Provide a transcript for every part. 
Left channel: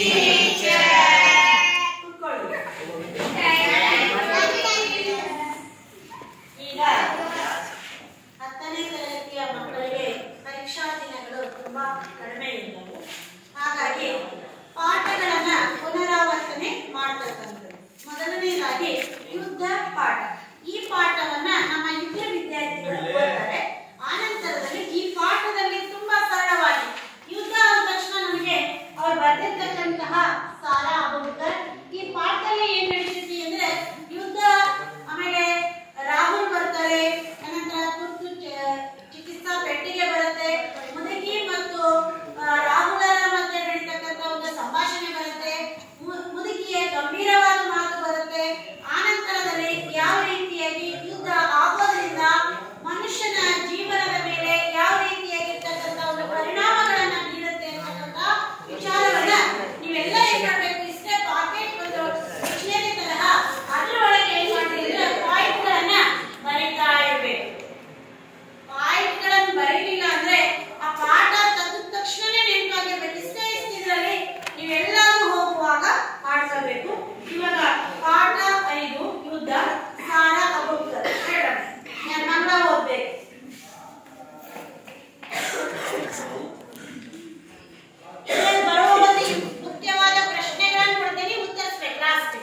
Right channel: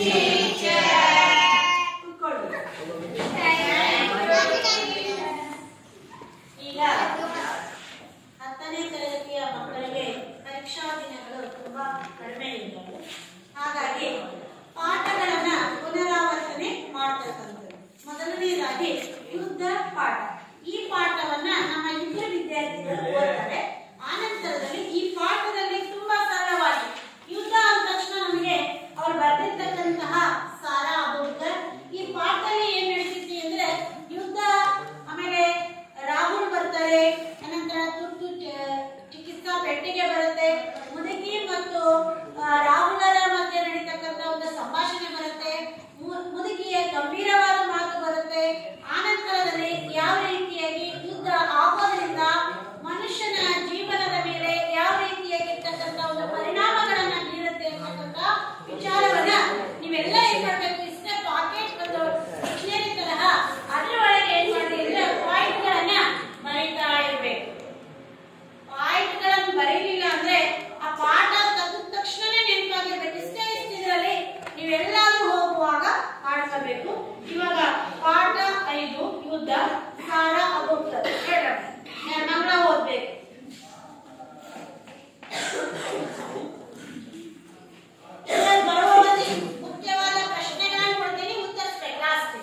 ಈಗ 10ನೇ ತರಗತಿಯ ಮಕ್ಕಳಿಗೆ ಪರೀಕ್ಷಾ ದಿನಗಳು ತುಂಬಾ ಕಡಿಮೆ ಇದ್ದವು. ಹಾಗಾಗಿ ಪಾಠಗಳನ್ನ ಪುನರಾವರ್ತನೆ ಮಾಡತಕ್ಕಂಥದ್ದು. ಮೊದಲನೇದಾಗಿ ಯುದ್ಧ ಪಾಠ. ಈ ಪಾಠವನ್ನ ನಮ್ಮ ಯುದ್ಧ ವಿದ್ಯಾರ್ಥಿಗಳು ಓದ್ತಾರೆ. ಆನಂತರದಲ್ಲಿ ಈ ಪಾಠದಲ್ಲಿ ತುಂಬಾ ಸರಳವಾಗಿ ಯುದ್ಧ ಅಂದ ತಕ್ಷಣ ನಮಗೆ ಅವ್ರು ಬರೆದಿರ್ತಕ್ಕಂತಹ ಸಾರಾ ಅಬೋಡ್ಕರ್ ಈ ಪಾಠದಲ್ಲಿ ಏನ್ ನಡೀತಿದೆ ಅಂದ್ರೆ ಯುದ್ಧ, ಆಮೇಲೆ ರಾಹುಲ್ ಬರ್ತಾರೆ, ಅನಂತರ ತುರ್ತು ಚಿಕಿತ್ಸಾ ಪೆಟ್ಟಿಗೆ ಬರುತ್ತೆ, ಮುದುಕಿ ಮತ್ತು ರಾಹುಲರ ಮಧ್ಯೆ ನಡೀತಕ್ಕಂಥ ಒಂದು ಸಂಭಾಷಣೆ ಬರುತ್ತೆ, ಮುದುಕಿಯ ಗಂಭೀರವಾದ ಮಾತು ಬರುತ್ತೆ. ಆನಂತರದಲ್ಲಿ ಯಾವ ರೀತಿಯಾಗಿ ಯುದ್ಧ ಆಗೋದ್ರಿಂದ ಮನುಷ್ಯನ ಜೀವನದ ಮೇಲೆ ಯಾವ ರೀತಿಯಾಗಿರ್ತಕ್ಕಂಥ ಒಂದು ಪರಿಣಾಮಗಳನ್ನ ಬೀರುತ್ತೆ ಅಂತಕ್ಕಂಥ ವಿಚಾರವನ್ನ ನೀವೆಲ್ಲ ಏನ್ ಮಾಡಬೇಕು, ಇಷ್ಟೇ ಪಾಕೆಟ್ ಒಂದು ಡಿಕ್ಷನರಿ ತರಹ ಅದ್ರ ಒಳಗೆ ಏನ್ ಮಾಡಿದ್ರೆ ಪಾಯಿಂಟ್ ಗಳನ್ನ ಬರೀತಾ ಇರ್ಬೇಕು. ಪಾಯಿಂಟ್ ಗಳನ್ನ ಬರೀಲಿಲ್ಲ ಅಂದ್ರೆ ಆ ಪಾಠ ತೆಗೆದ ತಕ್ಷಣನೇ ನೆನಪಾಗಿರ್ಬೇಕು. ಇಷ್ಟೇ ಇದ್ರಲ್ಲಿ ನೀವೆಲ್ಲಾದ್ರೂ ಹೋಗುವಾಗ ಮಾಡ್ಕೋಬೇಕು. ಇವಾಗ ಪಾಠ 5 ಯುದ್ಧ ಸಾರಾ ಅಬೋಡ್ಕರ್ ಮಕ್ಕಳ ಓದ್ಬೇಕು. ಮುಖ್ಯವಾದ ಪ್ರಶ್ನೆಗಳನ್ನು ಕೊಡ್ತೀನಿ, ಉತ್ತರಿಸಬೇಕು. ಲಾಸ್ಟ್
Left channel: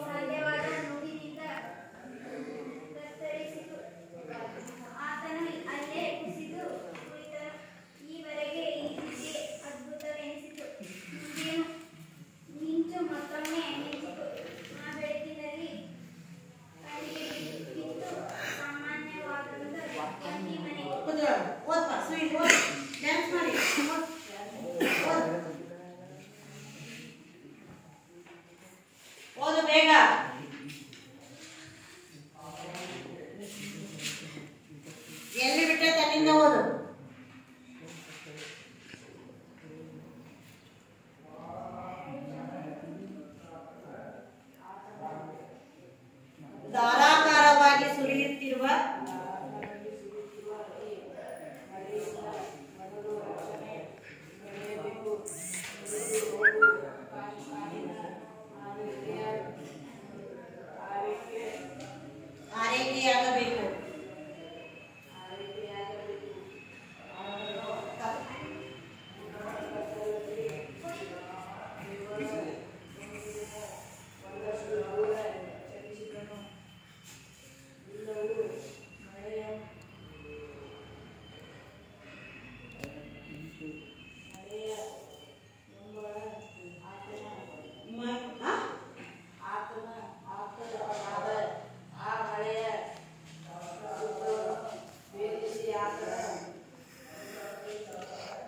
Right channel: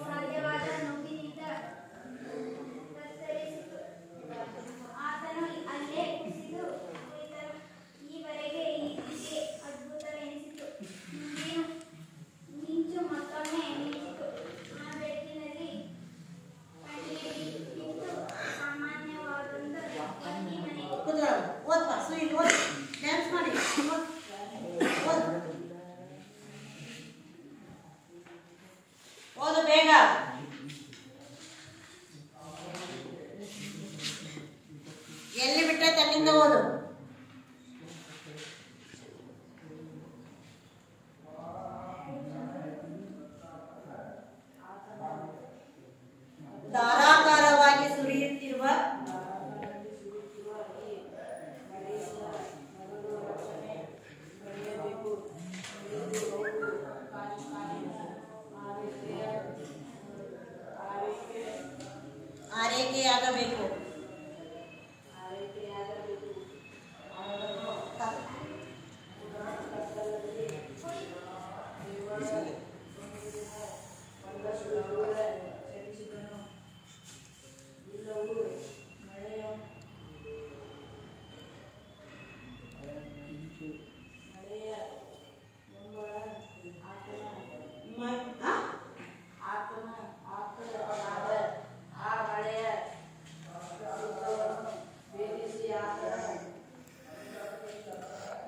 ಧನ್ಯವಾದ. ಓದು ಬೇಗ. ಎಲ್ಲಿ ಬಿಟ್ಟೆ ತನ್ನಿಂದ ಓದು. ಧಾರಾಕಾರವಾಗಿ ಸುರಿಯುತ್ತಿರುವ ಆರೈಕೆಯಾಗಬೇಕು.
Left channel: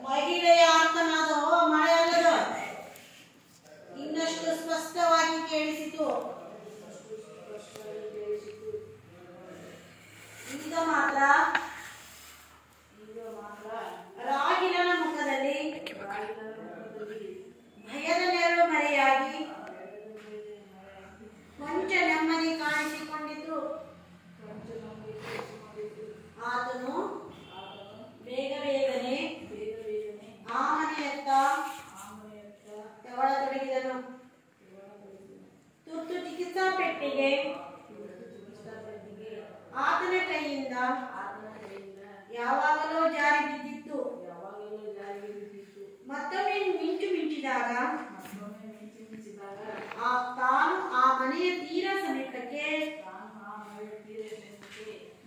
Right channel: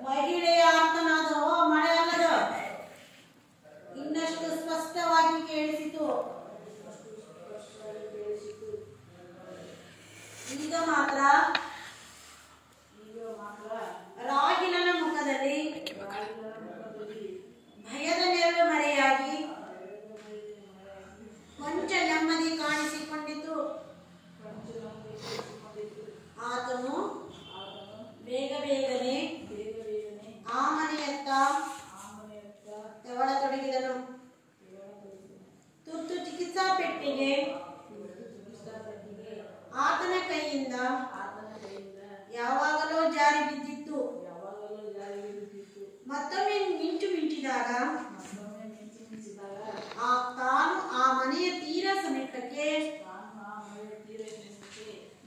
ಮಹಿಳೆಯ ಆರ್ತನಾದವು ಮಳೆಯಲ್ಲದು ಇನ್ನಷ್ಟು ಸ್ಪಷ್ಟವಾಗಿ ಕೇಳಿಸಿತು. ಈಗ ಮಾತ್ರ ರಾಗಿಲನ ಮುಖದಲ್ಲಿ ಭಯದ ನೆರಳು ಮರೆಯಾಗಿ ಕೊಂಚ ನೆಮ್ಮದಿ ಕಾಣಿಸಿಕೊಂಡಿತು. ಆತನು ಬೇಗ ಬೇಗನೆ ಆ ಮನೆಯತ್ತ ತೆವಳತೊಡಗಿದನು. ತುರ್ತು ಚಿಕಿತ್ಸಾ ಪೆಟ್ಟಿಗೆ ಆತನ ಕೈಯಿಂದ ಯಾವಾಗಲೂ ಜಾರಿ ಬಿದ್ದಿತ್ತು. ಮತ್ತೊಮ್ಮೆ ಮಿಂಚು ಮಿಂಚಿದಾಗ ತಾನು ಆ ಮನೆಯ ತೀರ ಸಮೀಪಕ್ಕೆ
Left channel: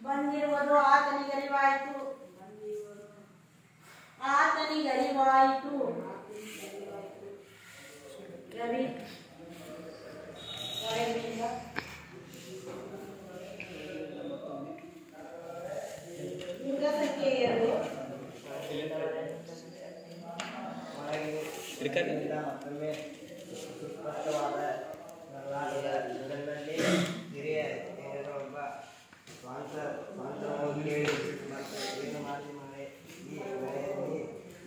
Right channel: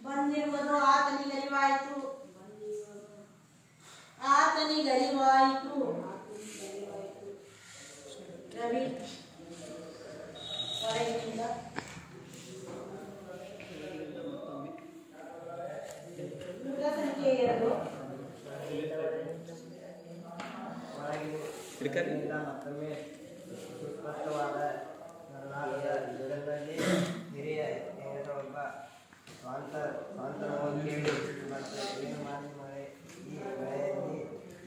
ಬಂದಿರುವುದು ಆತನಿಗರಿವಾಯಿತು. ರವಿ ಹೊರಗಿನಿಂದ ಯುಗ ಸಂಖ್ಯೆ 2 ಮತ್ತೊಮ್ಮೆ ಸುಸ್ಪಷ್ಟವಾದ ಇದರಲ್ಲಿ ಹಿರಿಯ ಒಬ್ಬ ಸ್ವಾಂತನವನ್ನು ಕೇಳಿ ಮತ್ತೆ ಏನು ಮಾಡಿದರೆ ಈ ವೇಳೆಯಲ್ಲಿ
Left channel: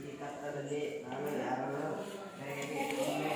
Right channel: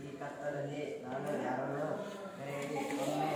ಈ ಕತ್ತಲಲ್ಲಿ ನಾನು ಯಾರನ್ನು ಕರೆಯಲಿ. ಒಮ್ಮೆ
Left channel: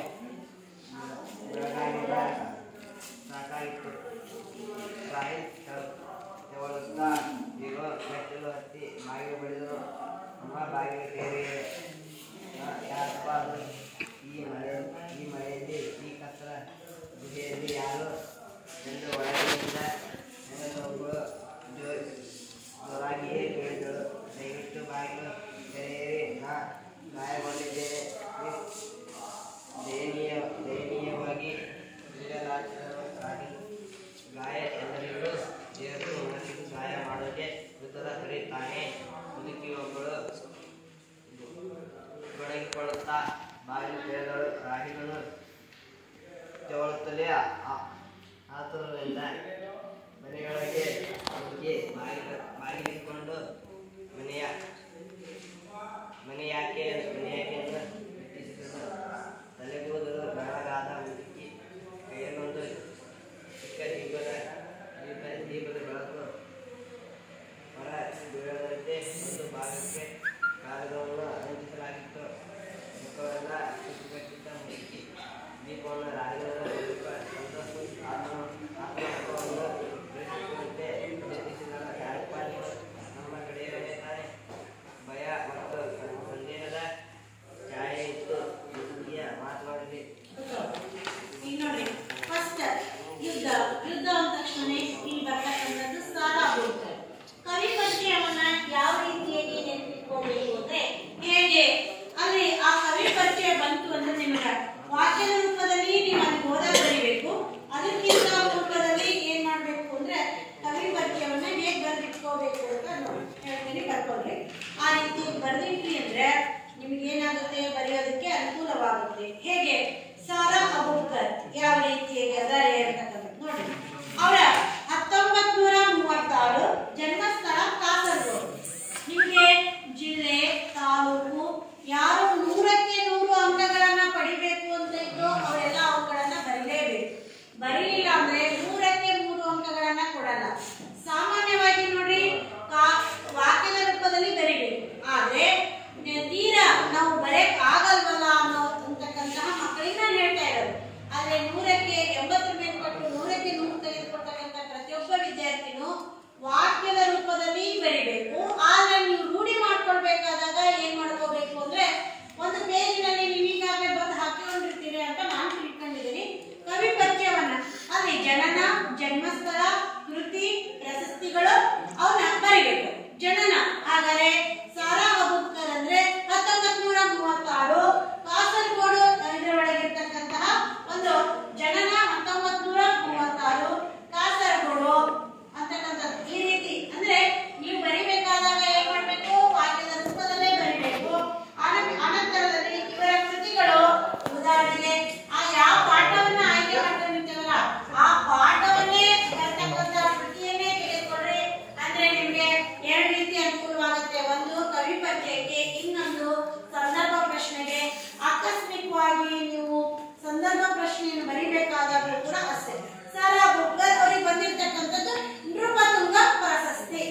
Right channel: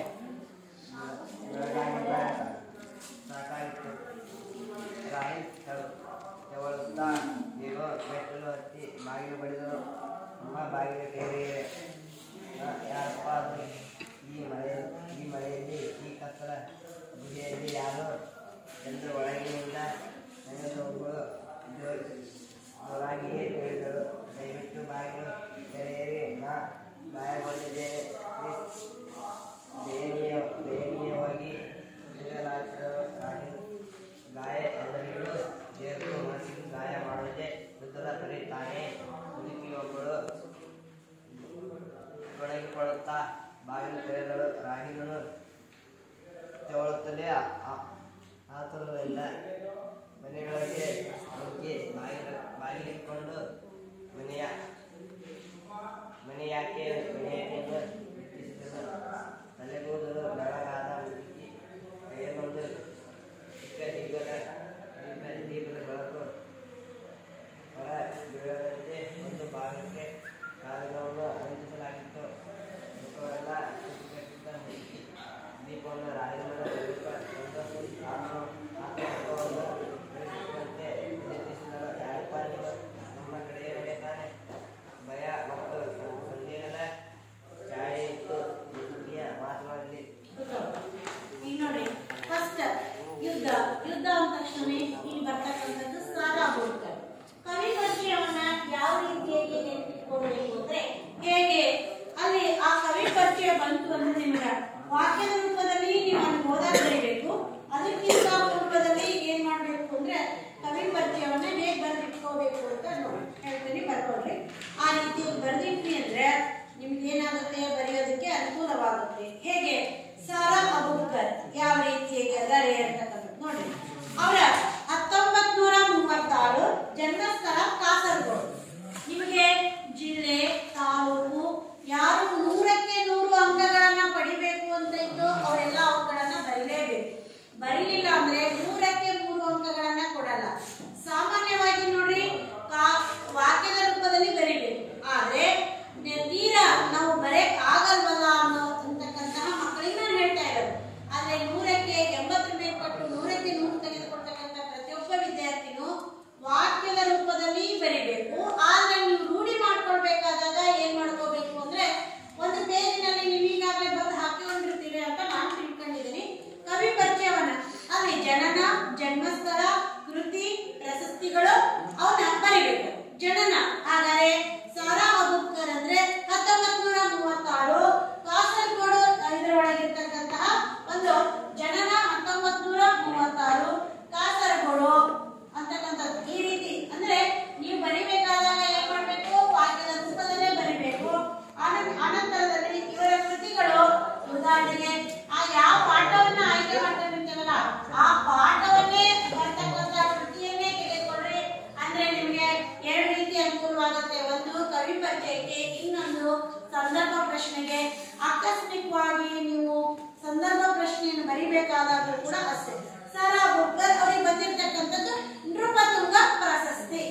ಆದ್ರೆ 100ಕ್ಕೆ 80 ಮೇಲ್ಪಟ್ಟು 100ಕ್ಕೆ 100 ತೆಗೆದುಕೊಳ್ತಕ್ಕಂಥ ಪ್ರತಿಯೊಬ್ಬ ವಿದ್ಯಾರ್ಥಿನೂ ವಾಕ್ಯದ ರೂಪದಲ್ಲಿ ಬರಿಬೇಕು. ಆದ್ರೆ ನೀವು ರೂಢಿ ಮಾಡ್ಕೊಳ್ಬೇಕಾದಾಗ ಏನ್ ಮಾಡ್ಕೋಬೇಕು ಅಂದ್ರೆ ಒಂದು ಪೇಜಿನಲ್ಲಿ ನೀವು ಈಗಾಗಲೇ ಬಂದು ಹಾಕಿಕೊಂಡಿರ್ತೀರಿ ಅಂತ ನಾನು ತಿಳ್ಕೊಂಡಿದ್ದೀನಿ. ಕವಿ ಪರಿಚಯವನ್ನ ಅಲ್ಲಿ ಜನನ, ಜನ್ಮಸ್ಥಳ, ಕೃತಿ, ಪ್ರಶಸ್ತಿಗಳು ಅವನ್ನ ಬರಿಬೇಕು. ಜನನ ಹಾಗಾದ್ರೆ ಸಾರಾ ಅಬೂಬಕರ್ ಅಂದ್ರೆ 1936 ಕಾಸರಗೋಡು ಇದರೊಳಗಿರ್ತಕ್ಕಂತಹ ಒಂದು ಜನನ 1936 ಕಾಸರಗೋಡು ಅಂತಕ್ಕಂಥದ್ದು. ಈ ರೀತಿ ಅಂದ್ರೆ ನೀವು ಬರಿಬೇಕಾದಾಗ ಏನ್ ಮಾಡ್ಬೇಕು, ವಾಕ್ಯದ ರೂಪದಲ್ಲೇ ಬರಿಬೇಕು. ಅನಂತರದಲ್ಲಿ ಇವರ ಕೃತಿಗಳು, ಉದಾಹರಣೆಗೆ ಆ ಯಾವ ಪಾಠವನ್ನ ಆಯ್ಕೆ ಮಾಡ್ಕೊಂಡಿರ್ತೀವಲ್ಲ ಆ ಪಾಠವನ್ನೇ ಬರ್ತಕ್ಕಂಥ ಕೃತಿಯನ್ನೇ ತೆಗೆದುಕೊಂಡ್ರೆ ಅಂದ್ರೆ ನಿಮ್ಗೆ ಎರಡು ರೀತಿ ಅನುಕೂಲವಾಗುತ್ತೆ. ಒಂದು ಕವಿ ಪರಿಚಯಕ್ಕೆ, ಇನ್ನೊಂದು ಸಂದರ್ಭ ಪ್ರಶ್ನೆಗೆ. ಆಕಸ್ಮಿಕವಾಗಿ ನೀವು ಸಂದರ್ಭ ಪ್ರಶ್ನೆಯನ್ನು ಬರಿಬೇಕಾದಾಗಲೂ ಕೂಡ ಅಷ್ಟೇ. ಸಾರಾ ಅಬೂಬಕರ್ ಅವರಿಗೆ ಬಂದಿರತಕ್ಕಂಥದ್ದು ನೃಪತುಂಗ ಪ್ರಶಸ್ತಿ.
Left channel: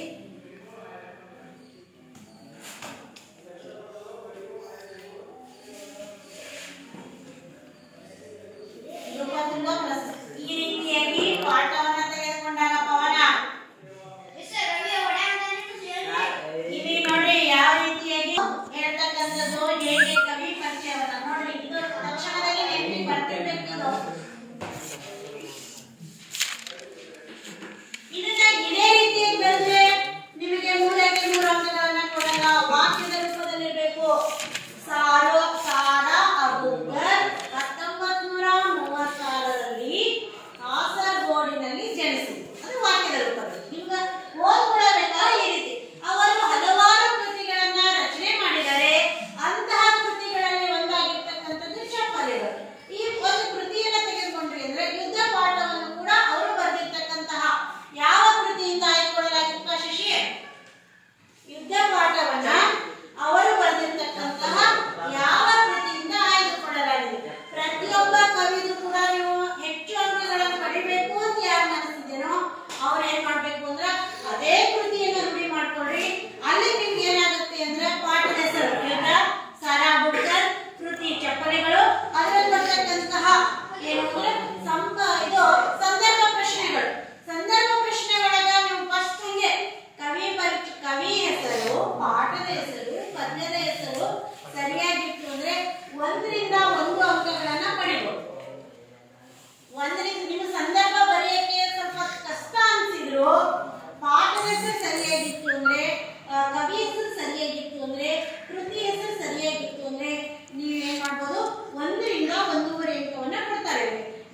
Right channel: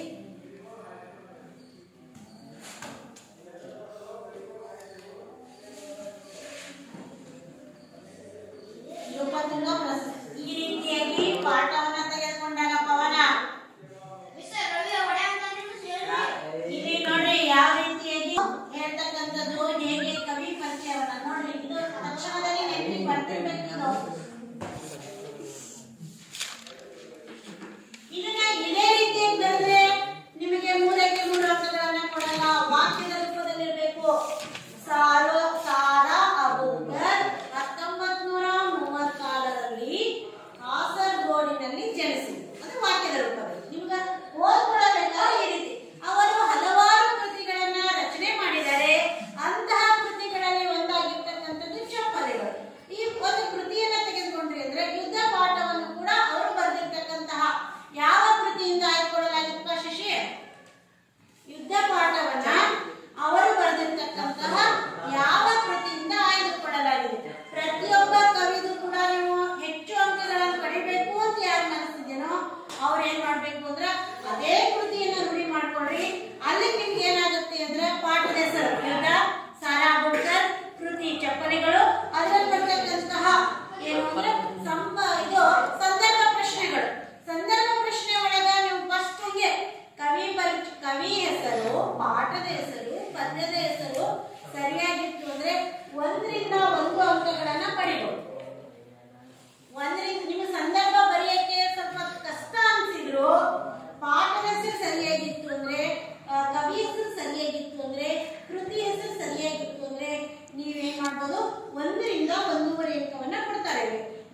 ನೃಪತುಂಗ ಪ್ರಶಸ್ತಿ. ಈ ರೀತಿಯಾಗಿ ಪಾಠವನ್ನ ತೆಗೆದುಕೊಂಡಾಗ ಪವನ ಇಲ್ಲಿ ನೋಡಿ ಯಾವ ರೀತಿಯಾಗಿ ಹೇಳ್ತಕ್ಕಂಥದ್ದು, ಹೇಗೆ ಕವಿ ಪರಿಚಯವನ್ನ ನೋಡಿ. ಇದು ತಕ್ಷಣದಲ್ಲಿ ನೆನಪಿಗೆ ಬರ್ತಿರ್ಬೇಕು. ಇದನ್ನ ಇದೇ ರೀತಿಯಾಗಿ ಬರೆದ್ರೆ ನಿಮಗೆ 3ಕ್ಕೆ 3 ಅಂಕಗಳನ್ನ ಕೊಡಲ್ಲ. ವಾಕ್ಯದ ರೂಪದಲ್ಲಿರಬೇಕು. ಸಾರಾ ಅಬೂಬಕರ್ 1936ರಲ್ಲಿ ಕಾಸರಗೋಡಿನಲ್ಲಿ ಜನಿಸಿದರು. ಅದು ವಾಕ್ಯದ ರೂಪದಲ್ಲಿ. ನಿಮ್ಗೆ ಓದ್ಕೊಳ್ಬೇಕಾದ್ರೆ ಈ ರೀತಿ ಅವರು ಹಲವಾರು ಕೃತಿಗಳನ್ನ ರಚನೆ ಮಾಡಿದ್ದಾರೆ. ಅಂತಹ ಕೃತಿಗಳಲ್ಲಿ ಒಂದಾಗಿರ್ತಕ್ಕಂಥದ್ದು ಚಪ್ಪಲಿಗಳು. ಈ ಒಂದು ಕೃತಿಯನ್ನ ತೆಗೆದುಕೊಂಡ್ರಿ ಅಂದ್ರೆ ಯುದ್ಧ ಪಾಠವನ್ನು ಕೂಡ ಅವರು ಬರೆದಿರ್ತಕ್ಕಂತಹ ಯಾವ ಕೃತಿಯಿಂದ ಆಯ್ದುಕೊಳ್ಳಲಾಗಿತ್ತು ಶಶಿ? ಯುದ್ಧ ಪಾಠವನ್ನ ಅವರು ಬರೆದಿರ್ತಕ್ಕಂತಹ ಯಾವ ಕೃತಿಯಿಂದ ಆಯ್ದುಕೊಳ್ಳಲಾಗಿದೆ? ಪ್ರತಿಯೊಬ್ಬ ಕವಿದು ಕೂಡ ನೀವು ಹೆಚ್ಚು ಅಂಕಗಳನ್ನು ಪಡಿಬೇಕು ಅಂತ ಯಾರು ಅನಿಸ್ತಿದ್ದೇನೋ ಅವ್ರು ಏನ್ ಮಾಡ್ಬೇಕು ಅಂದ್ರೆ ಅದೇ ಕೃತಿಯನ್ನ ರೂಢಿ ಮಾಡ್ಕೊಳ್ರಿ. ಅಲ್ಲಿ ನಿಮ್ಗೆ ಏನಾಗುತ್ತೆ ಅಂದ್ರೆ ಪಾಠದ ಹೆಸರು ಯುದ್ಧ, ಸಾರಾ ಅಬೂಬಕರ್, ಕೃತಿ ಚಪ್ಪಲಿಗಳು, ಅದರಲ್ಲಿ ಬರ್ತಕ್ಕಂತಹ ಏನು ಅಂದ್ರೆ ಇದು ಸಂದರ್ಭ ಪ್ರಶ್ನೆಗಳು. ಸಂದರ್ಭ ಪ್ರಶ್ನೆ ಒಳಗ ನೀವು ಫಸ್ಟ್ ಹಂಗೆ ಕವಿ ಹೆಸರು, ಪಾಠದ ಹೆಸರು, ಪದ್ಯದ ಹೆಸರು ಸರಿಯಾಗಿತ್ತು ಅಂದ್ರೆ 1ರಿಂದ 1 ಅಂಕಗಳನ್ನ ಪಡಿಬಹುದು. 1ರಿಂದ ನೀವು ಸಂದರ್ಭ ಬರೆಯಕ್ಕೆ ಸ್ವಲ್ಪ ಕಷ್ಟ ಅನ್ಸಿದ್ರು, ಪಾಠದ ಹೆಸರು ಸರಿಯಾಗಿತ್ತು ಅಂದ್ರೆ, ಕವಿ ಹೆಸರು ಸರಿಯಾಗಿತ್ತು ಅಂದ್ರೆ, ಕೃತಿ ಹೆಸರು ಸರಿಯಾಗಿತ್ತು ಅಂದ್ರೆ ನೀವೇನ್ ಮಾಡ್ಬೋದು 1ರಿಂದ 1.5 ಅಂಕವನ್ನ ಕೊಡ್ತಾರೆ.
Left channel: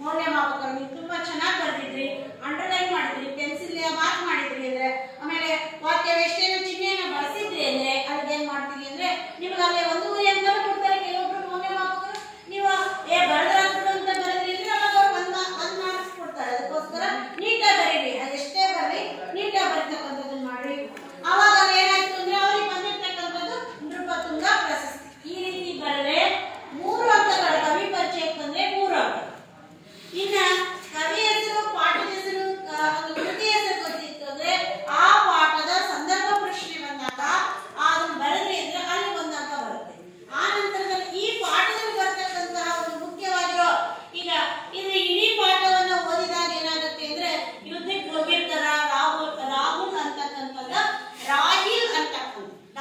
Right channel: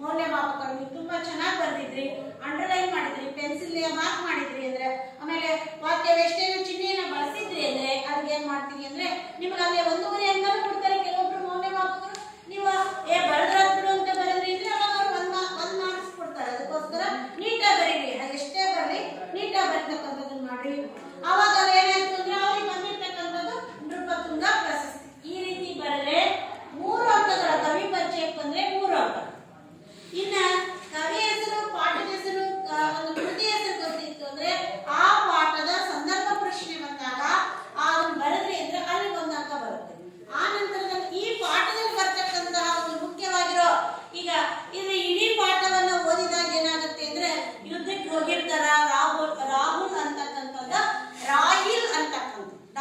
ಮೌಲ್ಯಮಾಪಕರು ನೀವು ತುಂಬಾ ಚೆನ್ನಾಗಿ ಬರ್ದಿದ್ರಿ, ಅಂಡರ್ಲೈನ್ ಮಾಡಿದ್ರಿ, ಪೆನ್ಸಿಲ್ ಮಾರ್ಕ್ ಮಾಡಿದ್ರಿ ಅಂದ್ರೆ, ಆಮೇಲೆ ವಾಕ್ಯ ವೇಷ್ಟೇನ ಚಿಹ್ನೆಯನ್ನು ಬಳಸಿದ್ರಿ ಅಂದ್ರೆ ಅಲ್ಲಿಗೆ ಏನ್ ಮಾಡ್ತೀವಿ ಅಂದ್ರೆ ನಿಮ್ಗೆ ಅಲ್ಲಿ 1.5 ಅಂಕ ಕೊಡ್ತಾರೆ. ಕೆಲವೊಬ್ರು ಮೌಲ್ಯಮಾಪಕರು ನೀವು ಬರದ್ರಾದ್ರು ಅಂತ ಬರೆದ್ರಿ ಅವಾಗ ಅವ್ರು 1 ಮಾರ್ಕ್ಸ್ ಕೊಡ್ತಾರೆ. ಅದಕ್ಕೋಸ್ಕರ ನೀಟಾಗಿ ಬರೀರಿ, ಎಷ್ಟೇ ಬರಲಿ ನೀಟಾಗಿ ಬರ್ತಕ್ಕಂಥದ್ದು ಮಾಡ್ರಿ. ಅವಾಗ ಏನಾಯ್ತು ಅಂದ್ರೆ ಅವ್ರಿಗೆ ಬಂದಿರ್ತಕ್ಕಂಥದ್ದು ನೃಪತುಂಗ ಪ್ರಶಸ್ತಿ. ಈ ರೀತಿ ಬರಲೆ 3 ಅಂಕಗಳು. ಕವಿ ಪರಿಚಯಕ್ಕೆ ಬಂದ್ರೆ 3 ಅಂಕ. ಇನ್ನ ಕವಿ ಹೆಸರು, ಪಾಠದ ಹೆಸರು, ಒಂದು ಕೃತಿ ಹೆಸರು ಗೊತ್ತಿತ್ತು ಅಂದ್ರೆ ಆ ಪಾಠದ ಸಂದರ್ಭ ಪ್ರಶ್ನೆ ಬಂದಾಗ ಅದನ್ನ ಬರೆದ್ರಿ ಅಂದ್ರೆ ಅಲ್ಲಿ 1 ಅಂಕ ಬರುತ್ತೆ. ಆ ನಂತರದಲ್ಲಿ ಈ ಪಾಠದಲ್ಲಿ ಬರ್ತಕ್ಕಂತಹ ಒಂದು ಮುಖ್ಯವಾಗಿರೋ ಈಗ ಇದು ಇಡೀ ಪಾಠವನ್ನ ಓದಿದಾಗ ಏನಾಗುತ್ತೆ ಅಂದ್ರೆ ಯುದ್ಧಕ್ಕೆ ಹೋಗಿರ್ತಾರ ರಾಹುಲ್ ಅಂತಕ್ಕಂಥದ್ದು, ರಾಹಿಲ್ ಅಂತಕ್ಕಂಥ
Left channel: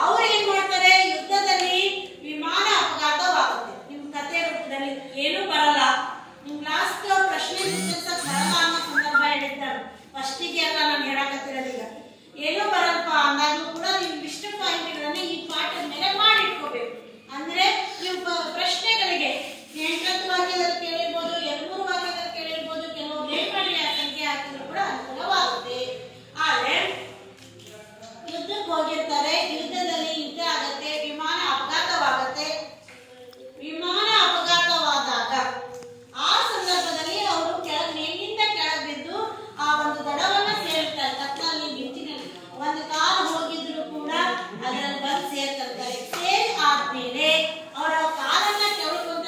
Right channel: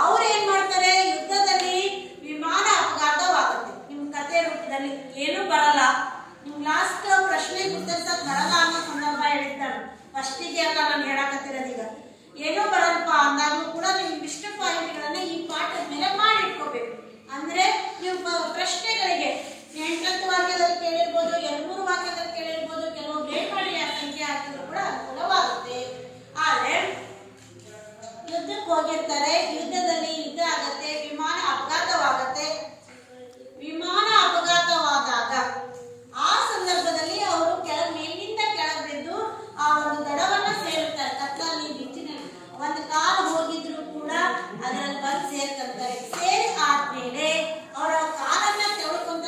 ಅವ್ರು ಏನ್ ಮಾಡ್ತಾರೆ, ಯುದ್ಧದಲ್ಲಿ ವಿಮಾನ ಅಪಘಾತವಾಗುತ್ತೆ. ನಿಮ್ ಕಥೆ ರೂಪದಲ್ಲಿ ಏನು ಬರಲ್ಲ, ನಿಮ್ ಲಾಸ್ಟ್ ಪ್ರಶ್ನೆ ಉತ್ತರಿಸಕ್ ಬರಲ್ಲ ಅನ್ನೋ ಸಂದರ್ಭ ಹೇಳಿರ್ತಾರೆ. ಫಸ್ಟಿಗೆ ಅಲ್ಲ ನಾನು ಹೇಳಕತ್ತಿರೋದೀಗ. ಏನೂ ಬರಲ್ಪ ಅಂದಾಗ್ಲೂ ಕೂಡ ನೀವು ಇಷ್ಟು ಪಾಯಿಂಟ್ಗಳನ್ನ ಈ ಪಾಠದ ಮೇಲೆ ಮಾಡಿಟ್ಕೋಬೇಕು. ಅಂದ್ರೆ ನೀವು ಪ್ರಶ್ನೆಗಳಿಗೆ 8 ವಾಕ್ಯದಲ್ಲಿ ಕೇಳಿರ್ಬೋದು, 200 ವಾಕ್ಯದಲ್ಲಿ ಕೇಳಿರ್ಬೋದು, ಕೆಲವು ಲೇಟ್ ಮಾಡಿ ಸಂಖ್ಯೆ ಹಾಕಿದ್ರು ಕೂಡ ಅನುಕೂಲವಾಗುತ್ತೆ. ಆದ್ರೆ ಯುದ್ಧಕ್ಕೆ ಹೋಗಿರ್ತಾರೆ, ಯುದ್ಧದಲ್ಲಿ ಯುದ್ಧ ಆಗತ್ತೆ, ವಿಮಾನ ಅಪಘಾತವಾಗತ್ತೆ. ವಿಮಾನ ಅಪಘಾತವಾದಾಗ ಆ ಸಂದರ್ಭದಲ್ಲಿ ಅವರು ಮೇಲಿಂದ ಕೆಳಗೆ ಬಿದ್ದು ಆ ಒಂದು ದಡವನ್ನ ಸೇರುತ್ತಾರೆ. ಕತ್ತಲಲ್ಲಿ ಬಿಚ್ಚಿನಲ್ಲಿ ಒಂದು ಕಾಲು ಹೋಗಿದ್ರು ಕೂಡ ಅದರಲ್ಲಿ ಬಂದು ಸೇರ್ತಾರೆ. ಸೇರಿ ಆದ್ಮೇಲೆ ಅವರ ಕಾಲನ್ನ ತೆವಳ್ಕೊಂತ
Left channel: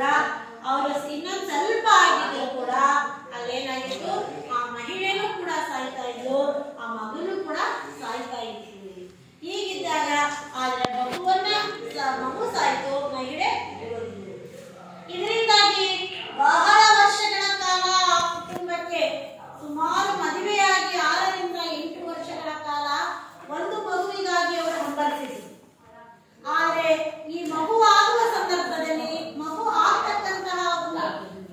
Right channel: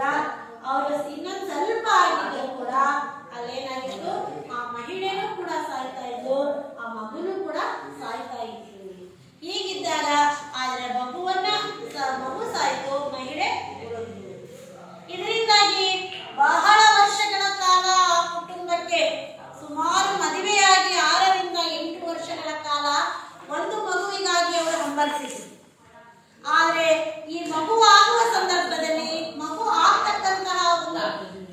ಕೂಡ ಅವರು ಇನ್ನೊಂದು ಸ್ವಲ್ಪ ಆಗಿದ್ರು ಕೂಡ ಅಲ್ಲೇನಾಗಿತ್ತು, ಆ ಮಹಿಳೆನೂ ಕೂಡ ಸಾಯ್ತಾ ಇದ್ದು, ಆ ಮಗನೂ ಕೂಡ ಸಾಯ್ತಾ ಇತ್ತು. ಹೀಗಿದ್ದಾಗ ಆದ್ರೆ ಮಗು ಸಾಯ್ತು, ಮಹಿಳೆ ಉಳಿದಿದ್ದು. ಇದರಿಂದಾಗಿ ಬಹಳ ವರ್ಷಗಳ ಕಾಲ ಆ ಕುಟುಂಬಕ್ಕೆ, ಸುಮಾರು ಮದುವೆಯಾಗಿ 6 ರಿಂದ 8 ವರ್ಷಗಳ ಕಾಲ ಒಂದು ಮಗುವಿಗಾಗಿ ಅವರು ಹಂಬಲಿಸಿದರು. ಆದರೆ ಈ ಮಗು ಆಗುವ ಸಂದರ್ಭದಲ್ಲಿ ಮಗು ಆಗ್ತಕ್ಕಂತಹ ಒಂದು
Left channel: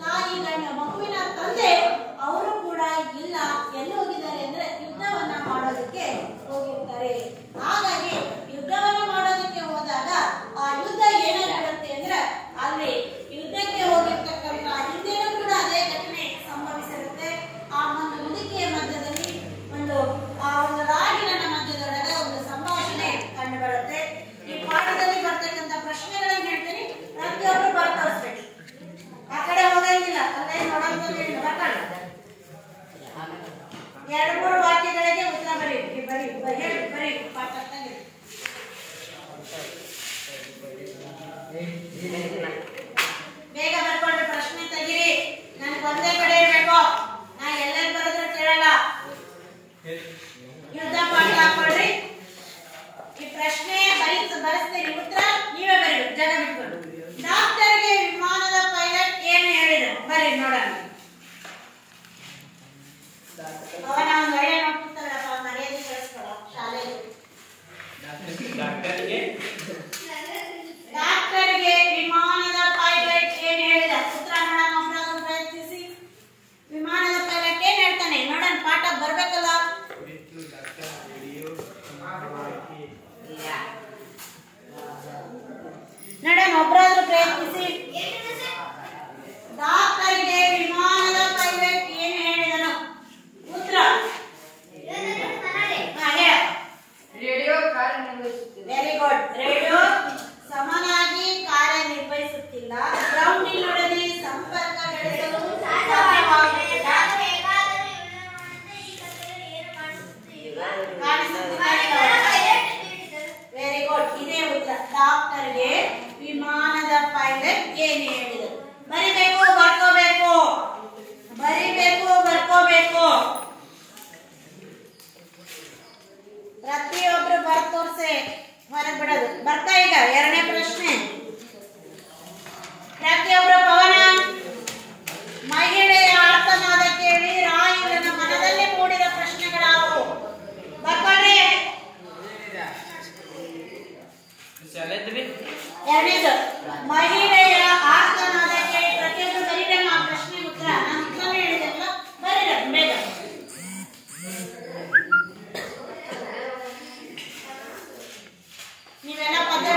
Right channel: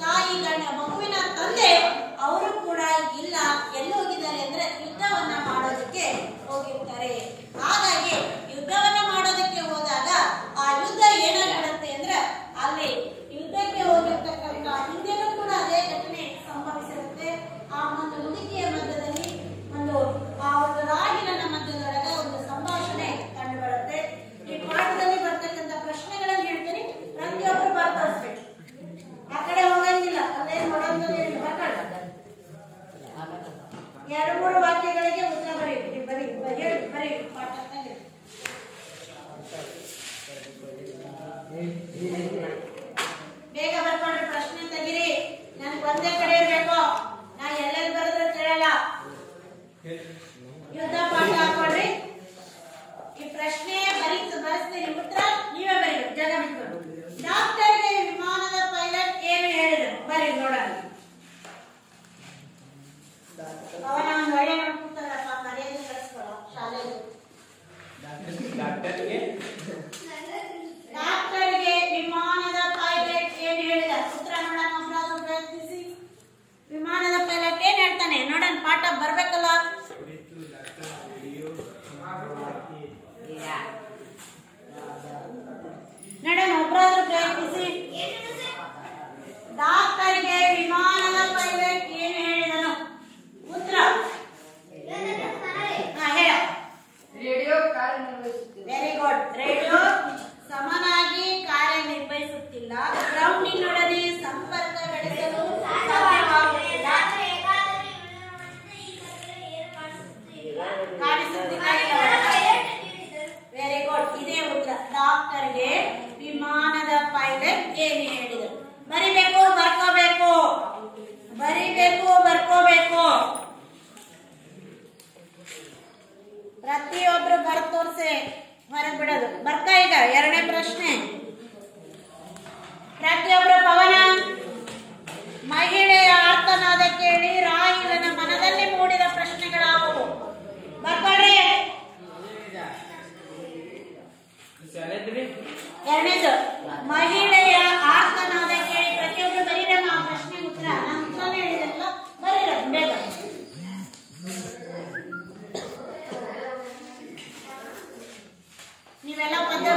ತಾಯಿ ಮಗುವಿನ ತಂದೆ ಅವರು ಕೂಡ ಇಲ್ಲ, ಎಲ್ಲಿ ಹೋಗಿದ್ದಾರೆ ಅಂದ್ರೆ ಯುದ್ಧವನ್ನ ಮಾಡೋದಕ್ಕೆ ಹೋಗಿರ್ತಾರೆ. ಹಾಗಾಗಿ ಯುದ್ಧವನ್ನ ಮಾಡೋದಕ್ಕೆ ಹೋದಾಗ ಆ ಯುದ್ಧ ಏನಾಗಿರುತ್ತೆ ಅಂದ್ರೆ ಅಲ್ಲಿ ಯುದ್ಧಕ್ಕೆ ಹೋಗಿರ್ತಕ್ಕಂಥ ಹಿಂದೆನೂ ಕೂಡ ಅದೇ ಘಟನೆ ಸಂಭವಿಸಿರುತ್ತೆ. ಆ ಒಂದು ಮುದುಕಿಯ ಮಧ್ಯದಲ್ಲಿ ಆ ಒಂದು ರಾಗಿನ ಮಧ್ಯದೊಳಗೆ ಒಂದು ಸಂಭಾಷಣೆ ಕಂಡು ಬರುತ್ತೆ. ಈ ಪಾಠದಲ್ಲಿ ಬರ್ತಕ್ಕಂಥ ಪ್ರಶ್ನೆಗಳನ್ನ ಹೇಳ್ತೀನಿ, ಪ್ರತಿಯೊಬ್ಬರು ಬರ್ತೋಸ್ಬೇಕು, ಆ ಕಡೆ ಹೋಗಂಗಿಲ್ಲ, ಅಲ್ಲೇ ನೋಡಂತ ಬರ್ಕೊಳ್ಳಿ. 2-3 ವಾಕ್ಯಗಳಿಗೆ ಉತ್ತರ ಬರೀ ಪಾಠ ಬೇಗ ಬರ್ಕೊಂಡ್ರೆ ಪ್ರಶ್ನೆ ತೆಗೀರಿ. ನನ್ಗೆ ಒಂದೇ ಕಡೆ ಇರ್ಬೇಕು, ನಾ ಎಲ್ಲೆಲ್ಲಿ ಬರೆದ್ರೆ ಕೇಳಲ್ಲ. ಯುದ್ಧ ಪಾಠ ಹಾಕೊಳ್ರಿ. ಈ ಪ್ರಶ್ನೆ ಬರೆಸ್ತೀನಿ, ಉತ್ತರ ನೀವೇ ಬರೀ, ಜಾಗ ಬಿಟ್ಕೊಂಡು. ಡಾಕ್ಟರ್ಗೆ ವಿಮಾನದ ಪೈಲಟ್ ಏನು ಹೇಳಿದ್ರು ಬರೀ ನೋಡೋಣ. ಅವನ ಒಂದು ಒಳ್ಳೆ ನೋಡ್ತಿರ್ತಾರಪ್ಪ, ಮರ್ಯಾದೆ ಕಳಿಸ್ಕೊಳ ಶಾಲೆಗೆ. ಡಾಕ್ಟರ್ಗೆ ವಿಮಾನದ ಪೈಲಟ್ ಏನು ಹೇಳಿದ, ಉತ್ತರ ನೋಡೋಣ. ಒಬ್ಬರಾದ್ರೂ ಪ್ರಯತ್ನಿಸಿ. ವಿಮಾನದ ಪೈಲಟ್ ಏನ್ ಹೇಳ್ತಾನೆ ನೋಡೋಣ, ಪಾಠ ಬರ್ಬೇಕಲ್ಲ. ನೋಡೋಣ, ಒಬ್ಬರಾದ್ರೂ ಪ್ರಯತ್ನಿಸಿ. ಡಾಕ್ಟರ್ಗೆ ವಿಮಾನದ ಪೈಲಟ್ ಏನು ಹೇಳಿದನು, ಉತ್ತರ ರೇಡಿಯೋ ಕಾರ್ಯನಿರ್ವಹಿಸುತ್ತಿಲ್ಲ. Very good. ರೇಡಿಯೋ ಸಮನಾಗಿ ಕಾರ್ಯನಿರ್ವಹಿಸುತ್ತಿಲ್ಲ. ಗ್ರೌಂಡಿನೊಡನೆ ಸಂಪರ್ಕ ಬೆಳೆಸಲು ಸಾಧ್ಯವಾಗುತ್ತಿಲ್ಲ. Very good. ಇದೇ ಉತ್ತರ. ಡಾಕ್ಟರ್ಗೆ ವಿಮಾನದ ಪೈಲಟ್ ಏನು ಹೇಳಿದರು. ಬರಿಬೇಕು, ಬರ್ಕೋಬೇಕು, ಬರಿಬೇಕು, ಬರ್ಕೋಬೇಕು. ಪ್ರತಿಯೊಬ್ರು ಬರ್ತೋರ್ಸೆ ಹೊರಗೆ ಬಿಡೋದು. ಬರ್ತಾ ಈಗ 2ನೇ ಪ್ರಶ್ನೆ. ಪ್ರತಿಯೊಬ್ರು ಪವನ, ಮಹಿಳೆಯ ಆರ್ತನಾದ ಕೇಳಿ ರಾಹುಲನ ಮನದಲ್ಲಿ ಮೂಡಿದ ಪ್ರಶ್ನೆಗಳಾವು. ಬರ್ಕೊಳ್ರಿ. 2ನೇದು ಮಹಿಳೆಯ ಆರ್ತನಾದ ಕೇಳಿ ಪ್ರತಿಯೊಬ್ರು ಬರೀಬೇಕು ಆ ಪ್ರಶ್ನೆ ಉತ್ತರ. ನಾನು ಉತ್ತರನೇ ಹೇಳಿದೆಲ್ಲ, ಬರೀರ ಬೇಗ. ನೀವೆಲ್ಲ ಪದ್ಯ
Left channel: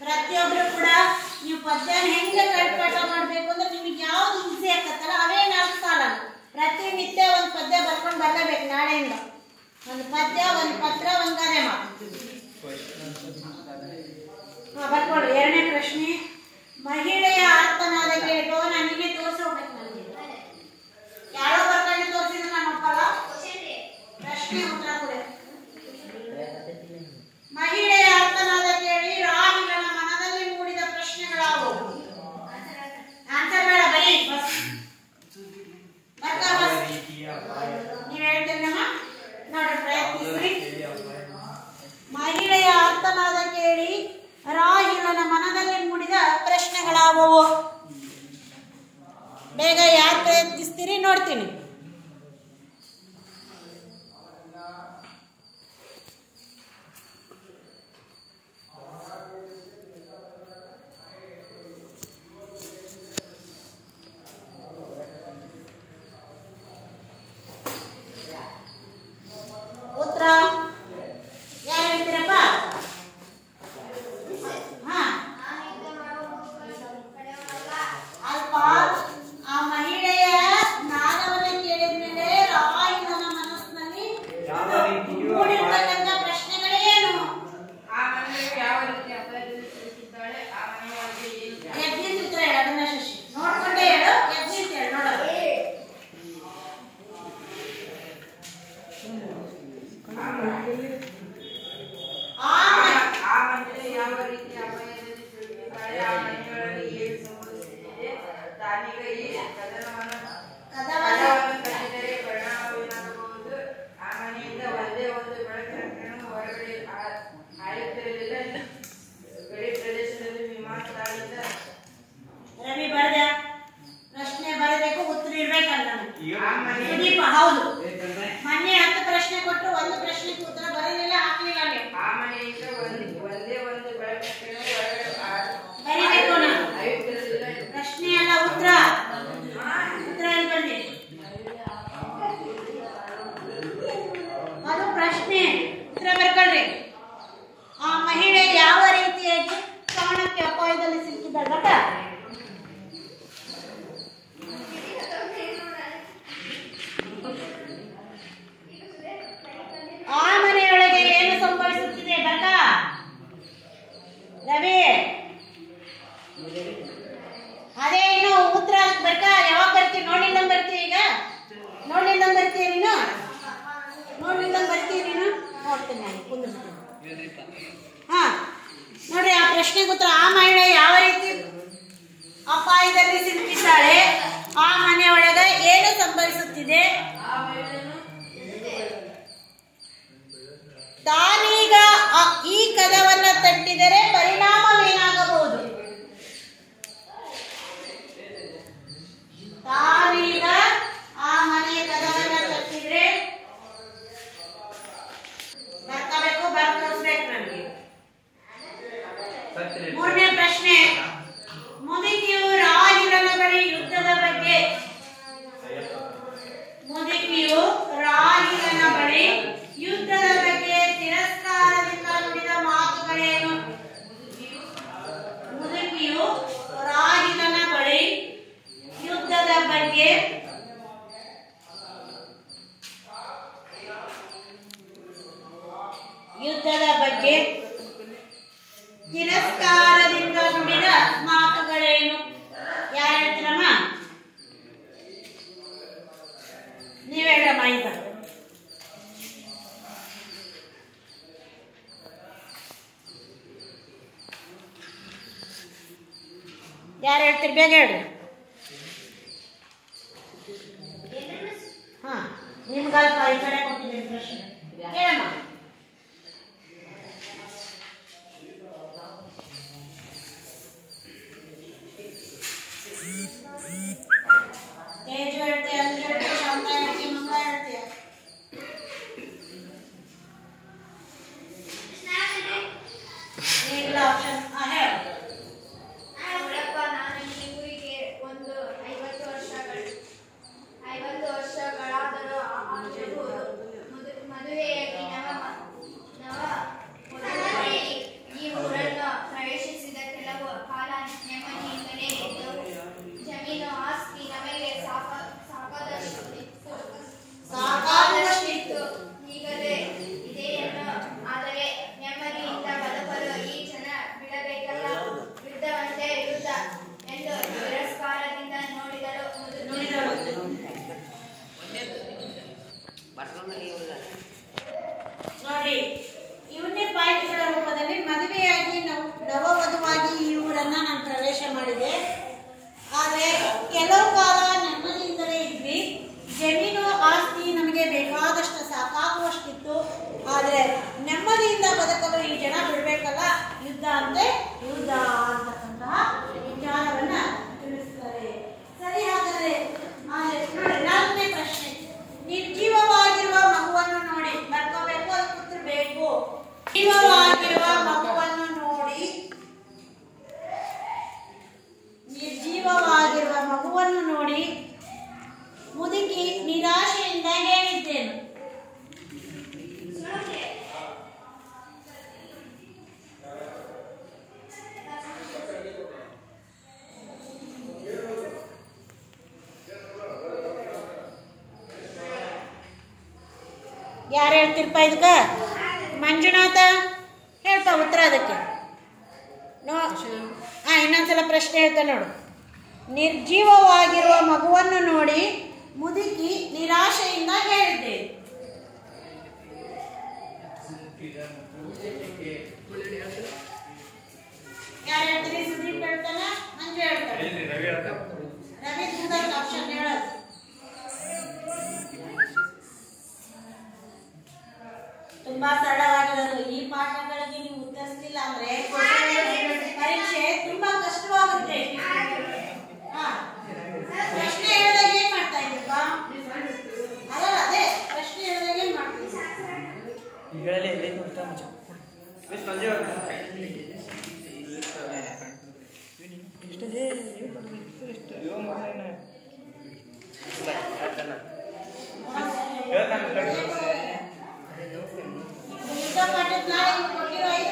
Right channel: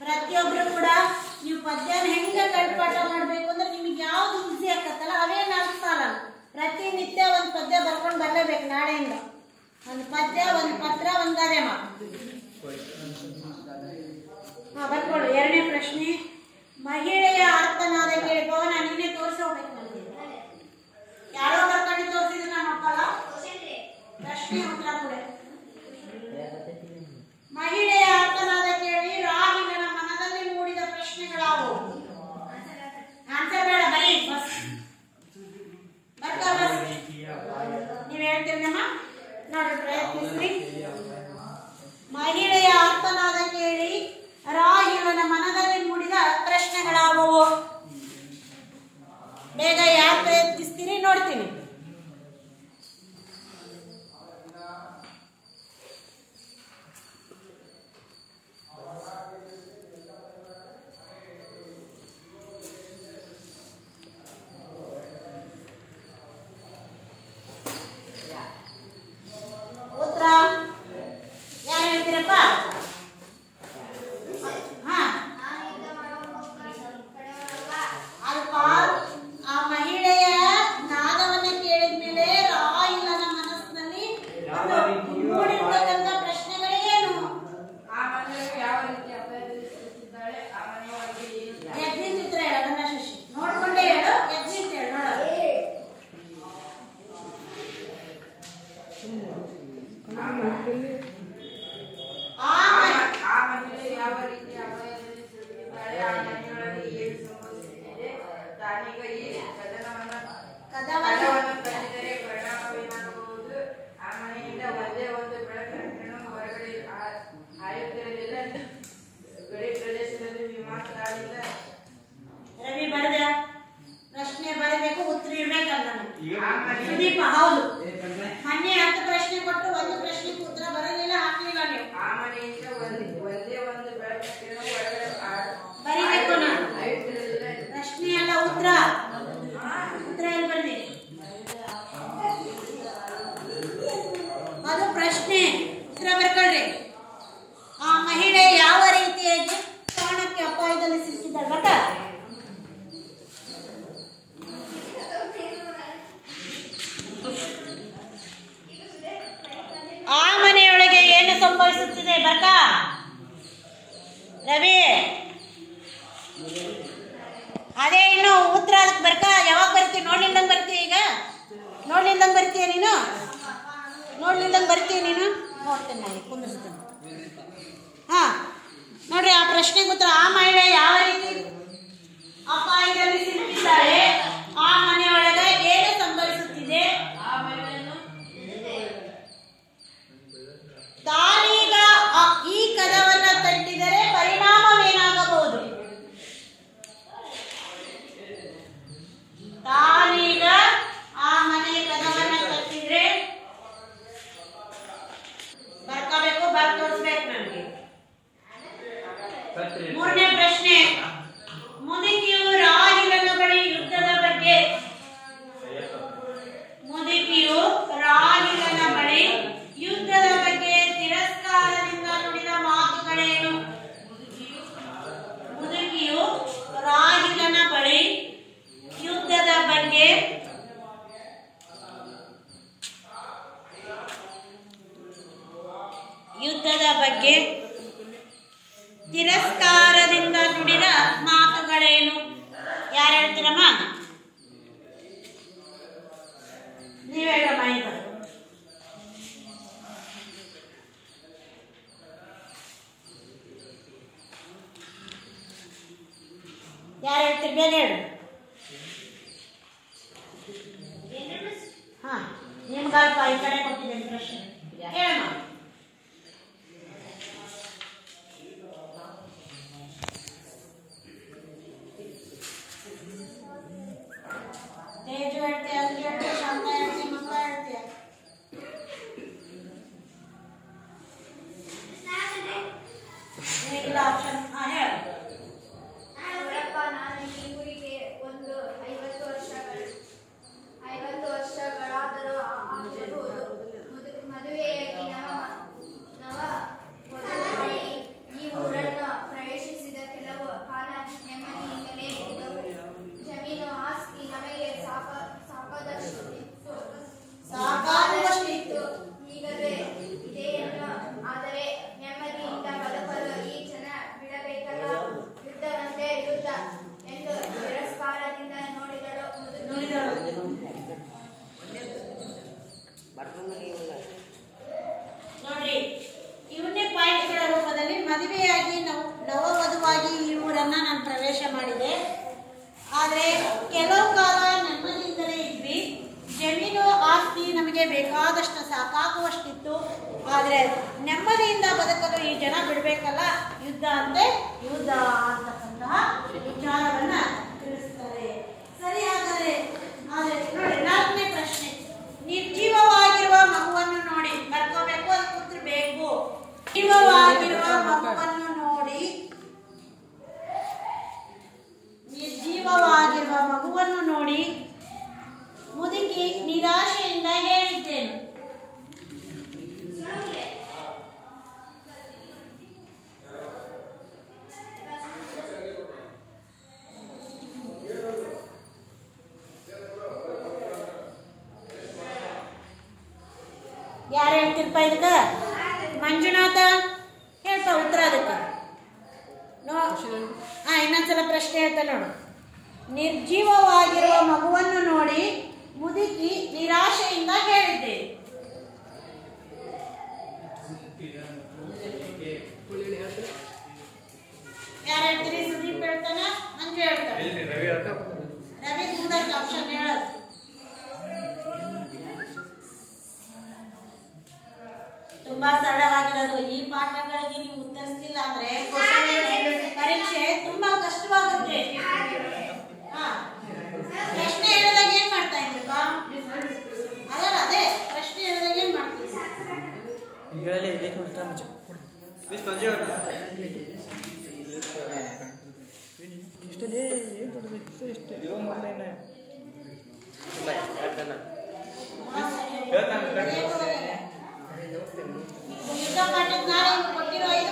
ಪ್ರತಿಯೊಬ್ರು ಕೂಡ ನೀವು ಪದ್ಯನ ಹೆಂಗ ಕೈಪಾಠ ಮಾಡ್ಬೇಕು ಅಂದ್ರೆ ನಿಮಗೆ ಯಾವ್ದು ಈಸಿ ಆಗತ್ತಲ್ಲ ಅವೇ 4 ಸಾಲ. ಪ್ರತಿನಿತ್ಯ ಒಂದು ಪದ್ಯ ಬರ್ಕೊಂಡು ಬರ್ಲೇಬೇಕು. ನಾಳೆಯಿಂದ ಒಂದು ಪದ್ಯ, ಒಂದು ಪತ್ರ, ಒಂದು ಗಾದೆ ಮಾತು. ಬರ್ಕೊಳ್ಳಿ. 2ನೇ ಪ್ರಶ್ನೆ. ಮಹಿಳೆಯ ಆರ್ತನಾದ ಕೇಳಿ ಭವನ ನೀನೇ ತೋರಿಸಿ ಹೋಗ್ಬೇಕು. ನನಗೆ ಯಾರೋ ಬರ್ಕೊಂಡು ತೋರಿಸಿದ್ರೆ ನಾನು ಒಪ್ಪಲ್ಲ. ಪ್ರಶ್ನೆ ಉತ್ತರ ಕೂಡ. ಮಹಿಳೆಯ ಆರ್ತನಾದ ಕೇಳಿ ರಾಹುಲನ ಮನದಲ್ಲಿ ಮೂಡಿದ ಪ್ರಶ್ನೆಗಳಾವು. ಆನ್ಸರ್ ಬೇಡ, ಬರೀ ಬಸ್ ಬರ್ತಾ ಬಸ್. ನೀವ್ ಹೇಳ್ತೀರಿ ನಮ್ಮ ನೋಡ್ರಿ, ಪ್ರಯತ್ನಿಸ್ರಿ. ಕಾಲಕ್ಕೆ ಬರ್ಕಾ ಯಾವಾಗ ಬರ್ತೀವಿ? ನೋಡ್ಲಿಲ್ದಂಗೆ ಬರ್ತೀವಿ ಈಗ? ನೋಡ್ಲಿಲ್ದಂಗೆ ಬರ್ತೀಯ ನೀನು? ನೋಡ್ಲಿಲ್ದಂಗೆ ಬರ್ತೀವಿ ನೀನು? ನೋಡ್ತೀನಿ ನಾನು, ಕುಂದಿರ್ತೀನಿ. ಹಾಂ ನೋಡ್ರಿ, ಆ ಪ್ರಶ್ನೆಗೆ ಉತ್ತರ. ಆ ಮಹಿಳೆ ಯಾವ ರೀತಿ ಅಪಾಯದಲ್ಲಿ ಸಿಲುಕಿದ್ದಾಳೆ? ಆ ಮನೆಯೊಳಗೆ ಏನು ಸಂಭವಿಸುತ್ತಿದೆ? ತಾನೀಗ ಈ ಕದವನ್ನ ತಟ್ಟಿದರೆ ಪರಿಣಾಮವೇನಾಗಬಹುದು? ತಾನೀಗ ಆ ಮನೆ ಕದವನ್ನ ತಟ್ಟಿದ್ರೆ ಬರ್ಕೋಬೇಕು, ಬರ್ದು ತೋರಿಸ್ಬೇಕು ನಮಗೆ. ಮೂರನೇ ಪ್ರಶ್ನೆ, ಮುದುಕಿಯು ರಾಹಿಲನ ಬಳಿ ಯುದ್ಧದ ಬಗ್ಗೆ ಮುದುಕಿಯು ರಾಹಿಲನ ಬಳಿ ಯುದ್ಧದ ಬಗ್ಗೆ ತಿರಸ್ಕಾರದಿಂದ ನುಡಿದ ಮಾತುಗಳೇನು? ಮುದುಕಿಯು ರಾಹಿಲನ ಬಳಿ ಯುದ್ಧದ ಬಗ್ಗೆ ತಿರಸ್ಕಾರದಿಂದ ನುಡಿದ ಮಾತುಗಳೇನು? ಯಾರು ಹೇಳ್ತೀರಮ್ಮ? ನೀವ್ ಹೇಳಮ್ಮ. ಈಗ ಯಾರು ಹೇಳ್ತೀರಿ? ಬೇಗ ಹೇಳು. ಹಾ, ನಿಮ್ಗೆ ಈ ಕಡೆ ಕೊಡ್ತೀನಿ ಪ್ರಶ್ನೆ. ಹೇಳಮ್ಮ. ತೇಜು ಹೇಳ್ತೀಯ, ಅಂಜು ಹೇಳ್ತೀಯ, ಶಾಂತ ಹೇಳ್ತೀಯ, ಮಂಗಳ ಹೇಳ್ತೀಯ? ಇಲ್ಲ ಆಪ್ಷನ್. ಹಾಂ ಹೇಳು. ವರ್ಷಗಳಾದರೂ ಮದುವೆಯಾಗಿ ಈ ಊರನ್ನು ಪ್ರವೇಶಿಸಿದ ಕೆಲವು ಕಾಲ ನೆಮ್ಮದಿಯಿಂದಲೇ ಇದ್ದವು. ಜಮೀನು ಆಸ್ತಿ ನಮಗೆ ಸಾಕಾದಷ್ಟಿತ್ತು, ಈಗಲೇ ಇದೆಯನ್ನು. ಆದರೆ ನೆಮ್ಮದಿಯಿಂದ ಬದುಕಲು ಈ ಜನ ಬಿಡಬೇಕಲ್ಲ. ಯುದ್ಧವಂತೆ ಯುದ್ಧ ಎಂದು ತಿರಸ್ಕಾರದಿಂದ ನೋಡಿದರು. ನೋಡಿ, ಇವನ್ನೇ ಪಾಯಿಂಟ್ಗಳ ರೂಪದಲ್ಲಿ ಮದುವೆಯಾಗಿ ನವವಧುವಾಗಿ ಈ ಊರನ್ನ ನಾನು ಪ್ರವೇಶ ಮಾಡಿದೆ. ಆದರೆ ಕೆಲವು ಕಾಲ ನೆಮ್ಮದಿಯಿಂದಲೇ ಇದ್ವಿ. ಜಮೀನು ಆಸ್ತಿ ನಮಗೆ ಬೇಕಾದಷ್ಟು ಸಾಕಾಗುವಷ್ಟಿತ್ತು. ಆದರೆ ನೆಮ್ಮದಿಯಿಂದ ಬದುಕಲು ಈ ಜನ ಬಿಡಬೇಕಲ್ಲ, ಯುದ್ಧ ಅಂತೆ ಯುದ್ಧ ಅಂತಕ್ಕಂತಹ ವಿಚಾರವನ್ನ ತಿಳಿಸ್ತಾರೆ. ಸರಿ, ಹಾಗಾದರೆ ನೋಡಿ, ನಾಲ್ಕನೇ ಪ್ರಶ್ನೆ, ನಿರ್ಜೀವವಾಗಿರುವ ಮಗುವನ್ನು ನೋಡಿ ಬರ್ಕೋಬೇಕು, ಅದಕ್ಕೆ ಉತ್ತರ ಬೇಕು. ಜೀವವಾಗಿರುವ ಮಗುವನ್ನು ನೋಡಿ, ನಿರ್ಜೀವವಾಗಿರುವ ಮಗುವನ್ನು ನೋಡಿ ಮುದುಕಿ ನಿರಾಶೆಯಿಂದ ಹೇಳಿದ್ದೇನು? ಯಾರು ಹೇಳ್ತಿರ್ಪ ಇದಕ್ಕೆ? ಮಂಜುನಾಥ ಹೇಳ್ಪ ಉತ್ತರ ಅದಕ್ಕೆ. ಇನ್ನೊಂದ್ಸಲ ಪ್ರಶ್ನೆ ಹೇಳ್ತಾ ನೋಡು. ನಿರ್ಜೀವವಾಗಿರುವ ಮಗುವನ್ನು ನೋಡಿ ಮುದುಕಿ ನಿರಾಶೆಯಿಂದ ಹೇಳಿದ್ದೆ. ಯಾರು ಹೇಳ್ತೀರಿ? ಸುದೀಪ್ ಹೇಳ್ತಾನ, ಮಂಜು ಹೇಳ್ತಾನೆ, ರವಿ ಕೂಡ ಆಪ್ಷನ್ ಹೇಳೋದು. ತುಂಬಾ ಸರಳವಾಗಿರೋದು. ಈ ಪಾಠಗಳಿಗೆ ನೀವು ಉತ್ತರಿಸಲಿಲ್ಲ ಅಂದ್ರೆ ಪರೀಕ್ಷೆ ತುಂಬಾ ಕಷ್ಟವಾಗುತ್ತೆ. ಪ್ರಶ್ನೆ ಹೇಳಿದಾಗ ಏನ್ ಮಾಡ್ತಾ ಇದ್ದೀರಪ್ಪ? ಅದಲ್ಲ, ಅದೇ ಪ್ರಶ್ನೆ ಹೇಳಿದಾಗ ಏನ್ ಮಾಡ್ತೀವಿ? ಕೊಟ್ಟಿರೋ 5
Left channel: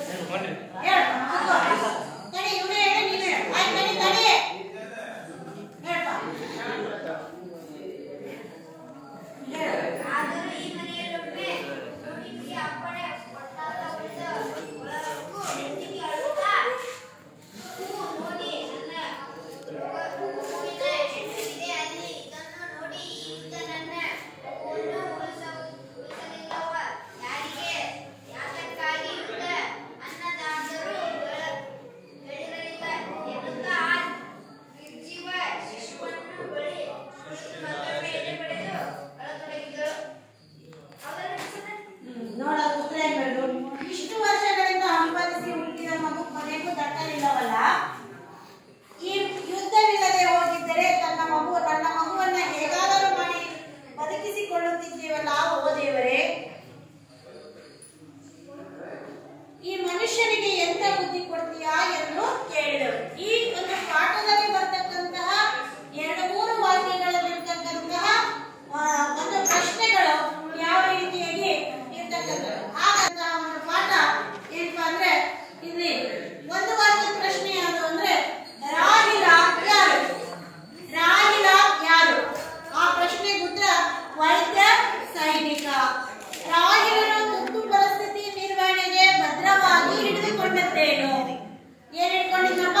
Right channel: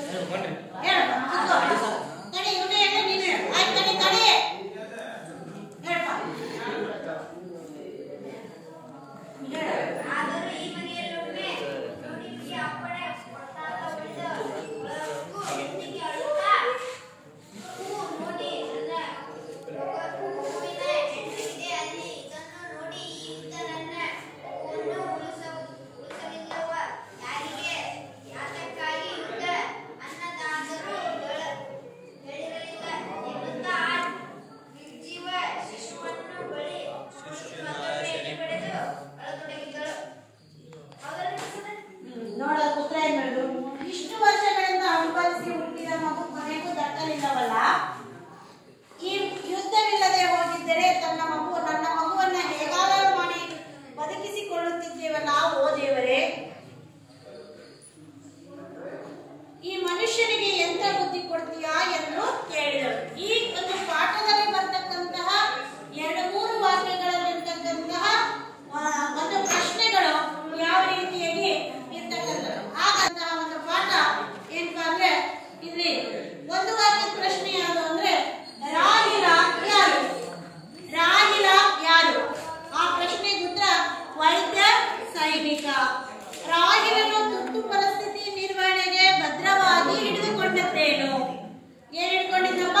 ಪ್ರಶ್ನೆಗಳನ್ನು ಹೇಳ ಮಾಡುತ್ತೇನು. ಏನ್ ಇಟ್ಕೊಂಡಿದ್ನಪ್ಪ?